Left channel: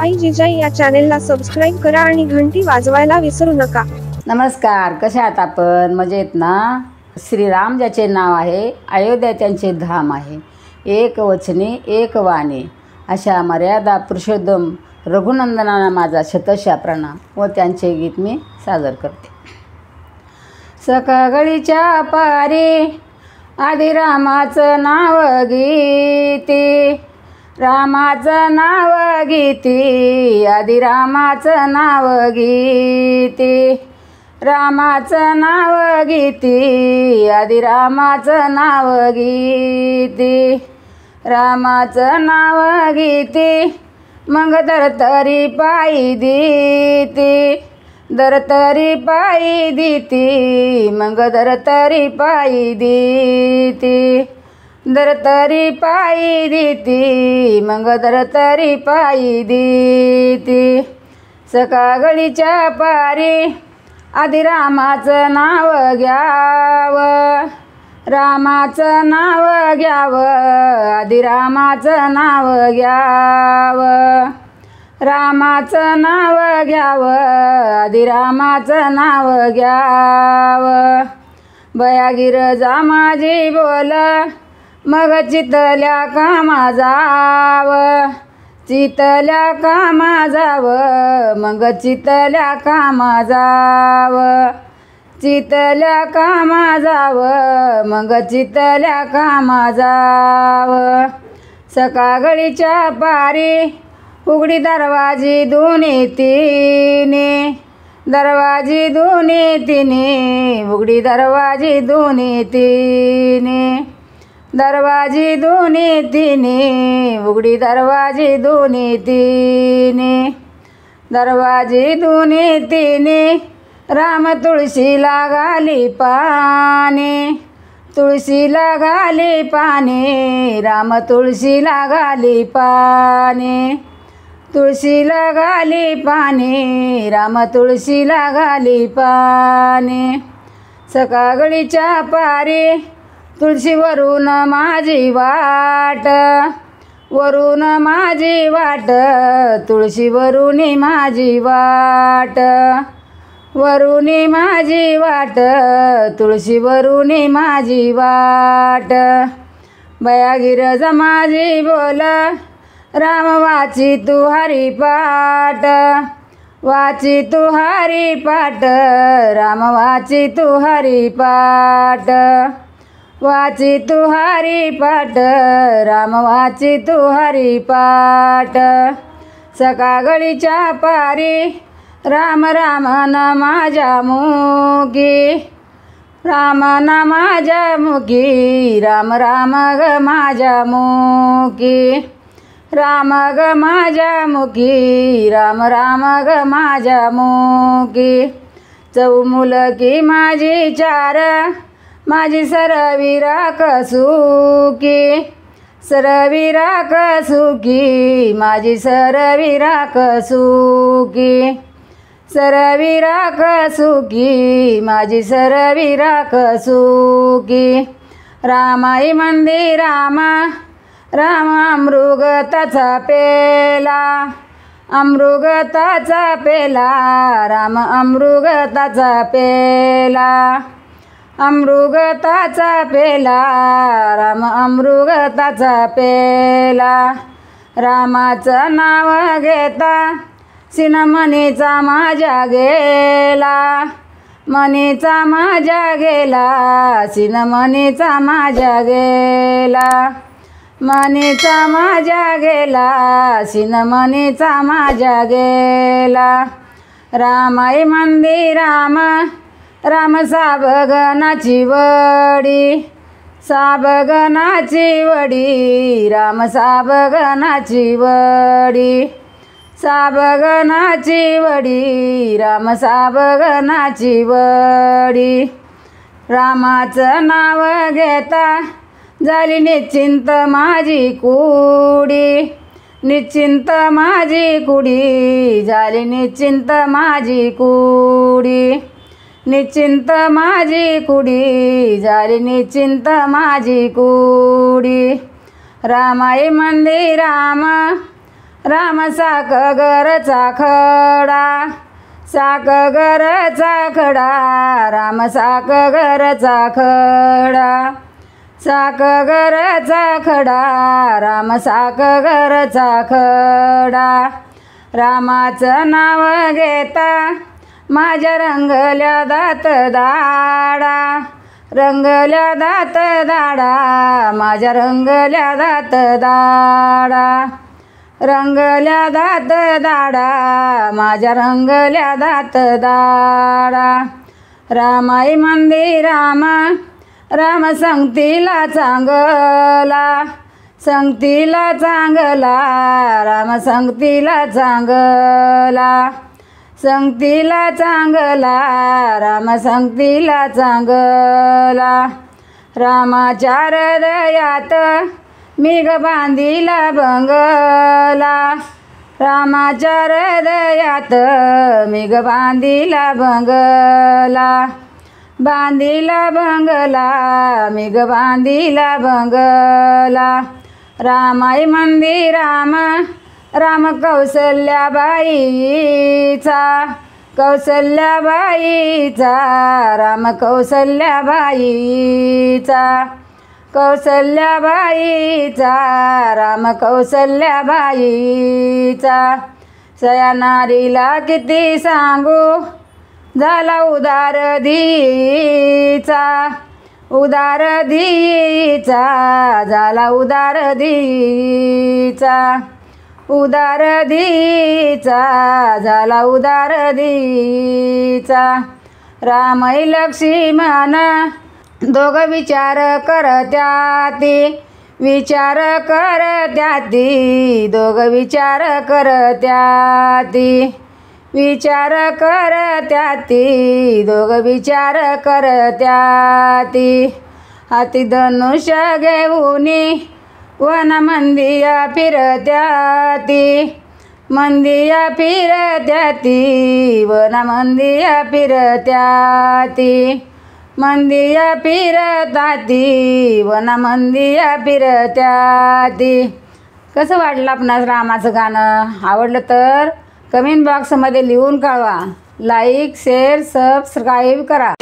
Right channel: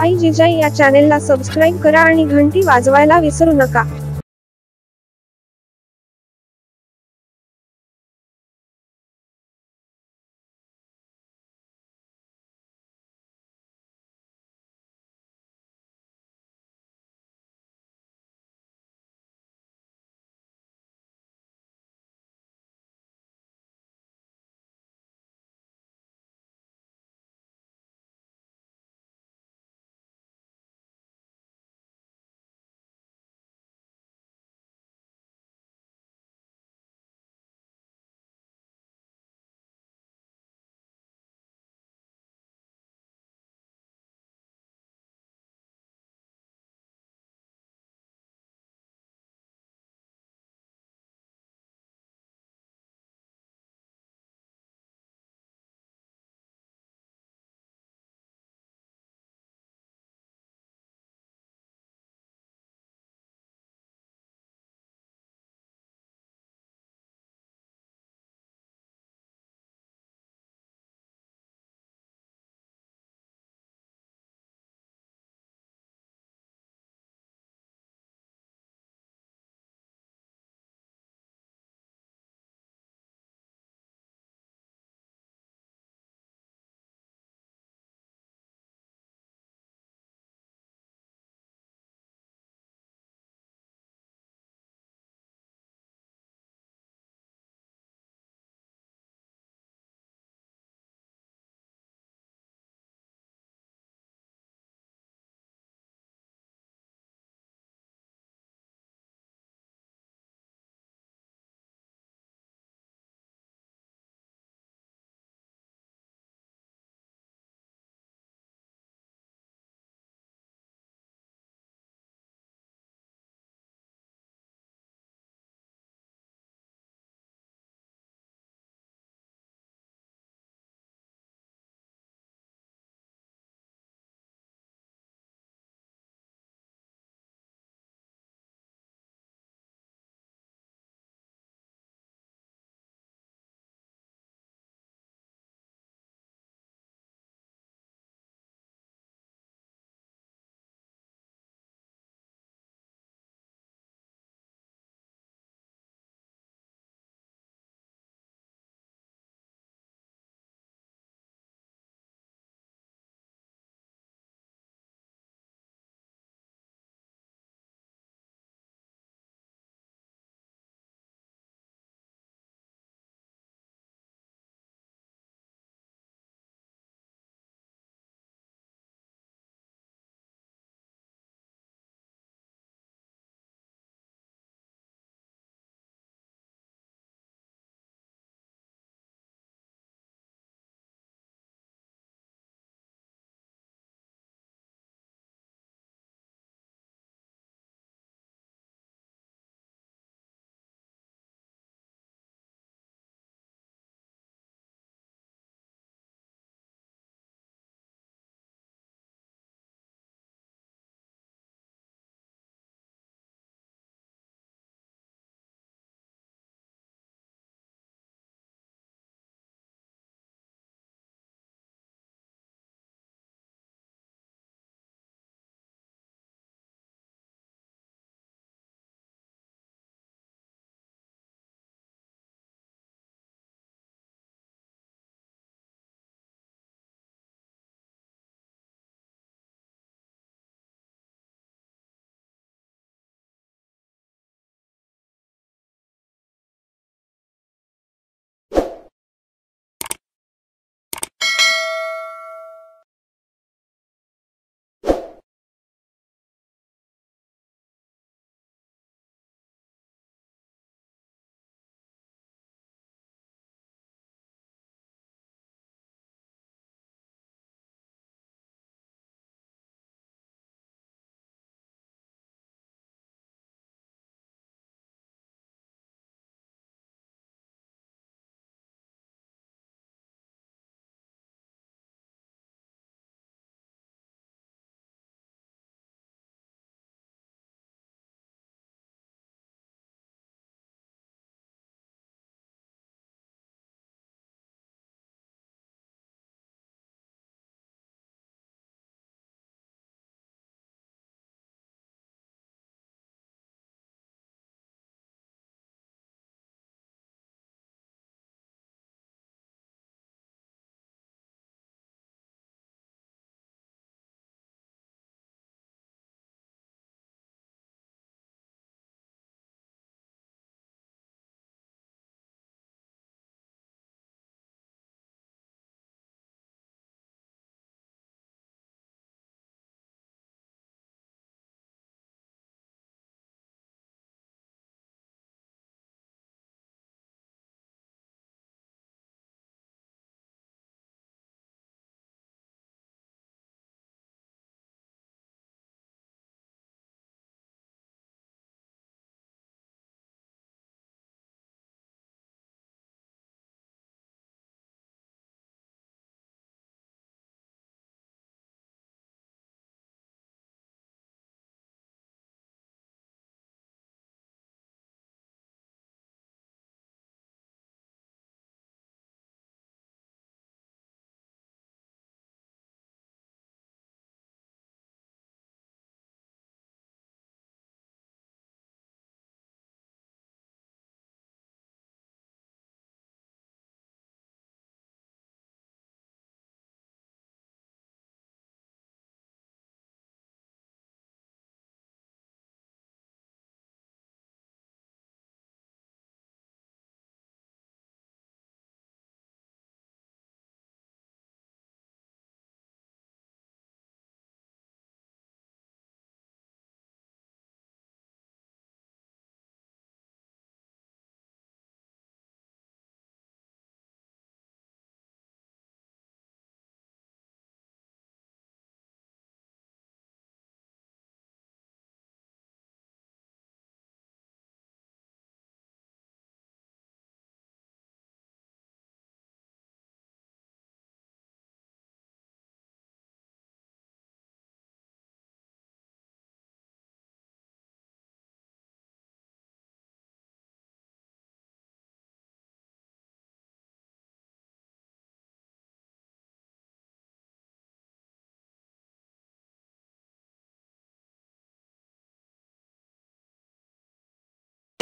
आई जिजाई या चॅनेलला सबस्क्राईब करा आणि घंटी वाजवायला विसरू नका। नमस्कार, कशा आहात आपण? मजेत ना? श्रीराम ज्याचे नाव आहे, अयोध्या त्यांचे धाम आहे, एक वचने एक वाणी अशा मर्यादा पुरुषोत्तम रघुनंदनांना माझा शतशः प्रणाम व त्यांचे गीत मी सादर करते। सकाळच्या पारी आधी रामाचं नाव गीती, रामाचं नाव गीती, आधी रामाचं नाव गीती, रामाचं नाव गीती, आधी रामाचं नाव गीती, रामाचं नाव गीती, मग दरतरी पायी देती, दरतरी पायी देती, मग दरतरी पायी देती, दरतरी पायी देती, मग दरतरी पायी देती। सकाळच्या पारी आधी रामाचं नाव घ्यावं, रामाचं नाव घ्यावं, आधी रामाचं नाव घ्यावं, रामाचं नाव घ्यावं, आधी रामाचं नाव घ्यावं। बयागीर जा माझी बोल, मग चितल्या कामा जावं, चितल्या कामा जावं, मग चितल्या कामा जावं, चितल्या कामा जावं, मग चितल्या कामा जावं। सकाळच्या पारी उघडी दरवाजी दोन्ही तिने, दरवाजी दोन्ही तिने, उघडी दरवाजी दोन्ही तिने, दरवाजी दोन्ही तिने, उघडी दरवाजी दोन्ही तिने, दरवाजी दोन्ही तिने, राम तुळशीला घाली पाने, तुळशीला घाली पाने, राम तुळशीला घाली पाने, तुळशीला घाली पाने, राम तुळशीला घाली पाने। सकाळच्या पारी तुळशीवरून माझी वाट, वरून माझी वाट, तुळशीवरून माझी वाट, वरून माझी वाट, तुळशीवरून माझी वाट। बयागीर जा माझी बोल, राम वाची तू हरिपाठ, वाची तू हरिपाठ, राम वाची तू हरिपाठ, वाची तू हरिपाठ, राम वाची तू हरिपाठ। सकाळच्या पारी राम राम न माझ्या मुखी, राम न माझ्या मुखी, राम राम ग माझ्या मुखी, राम ग माझ्या मुखी, राम राम ग माझ्या मुखी। चौमुलकी माझी चार, माझी सरविरा कसुकी, सरविरा कसुकी, माझी सरविरा कसुकी, सरविरा कसुकी, माझी सरविरा कसुकी। रामाई मंदिर राम, राम अमृगताचा पेला, अमृगताचा पेला, राम अमृगताचा पेला, अमृगताचा पेला, राम अमृगताचा पेला। रामाचं नाव घेता सिन मनीचा माझ्या गेला, मनीचा माझ्या गेला, सिन मनीचा माझ्या गेला, मनीचा माझ्या गेला, सिन मनीचा माझ्या गेला। रामाई मंदिर राम, राम साबगनाची वडी, साबगनाची वडी, राम साबगनाची वडी, साबगनाची वडी, राम साबगनाची वडी। रामाचं नाव घेता झाली निश्चिंत माझी कुडी, निश्चिंत माझी कुडी, झाली निश्चिंत माझी कुडी, निश्चिंत माझी कुडी, झाली निश्चिंत माझी कुडी। रामाई मंदिर राम, राम साक गरचा खडा, साक गरचा खडा, राम साक गरचा खडा, साक गरचा खडा, राम साक गरचा खडा. रामाचं नाव घेता माझ्या रंगल्या दात दाडा, रंगल्या दात दाडा, माझ्या रंगल्या दात दाडा, रंगल्या दात दाडा, माझ्या रंगल्या दात दाडा. रामाई मंदिर राम, राम संगतीला चांगला, संगतीला चांगला, राम संगतीला चांगला, संगतीला चांगला, राम संगतीला चांगला. रामाच्या हृदयात मी ग बांधिला बंगला, रामाच्या हृदयात मी ग बांधिला बंगला, बांधिला बंगला, मी ग बांधिला बंगला. रामाई मंदिर राम, राम कौसल्याबाईचा, कौसल्याबाईचा, राम कौसल्याबाईचा, कौसल्याबाईचा, राम कौसल्याबाईचा. सयानारीला किती सांगू झाला उदार धीचा, उदार धीचा, झाला उदार धीचा, उदार धीचा, झाला उदार धीचा. रामई लक्ष्मण दोघं विचार करत्याती, विचार करत्याती, दोघं विचार करत्याती, विचार करत्याती, दोघं विचार करत्याती. हाती धनुष्य घेऊनी वन मंदिया फिरत्याती, मंदिया फिरत्याती, वन मंदिया फिरत्याती, मंदिया फिरताती, वन मंदिया फिरत्याती. कसं वाटलं आपणास रामाचं गाणं? आवडलं तर कमेंट बॉक्समध्ये लिहून कळवा. लाईक शेअर सबस्क्राईब करा.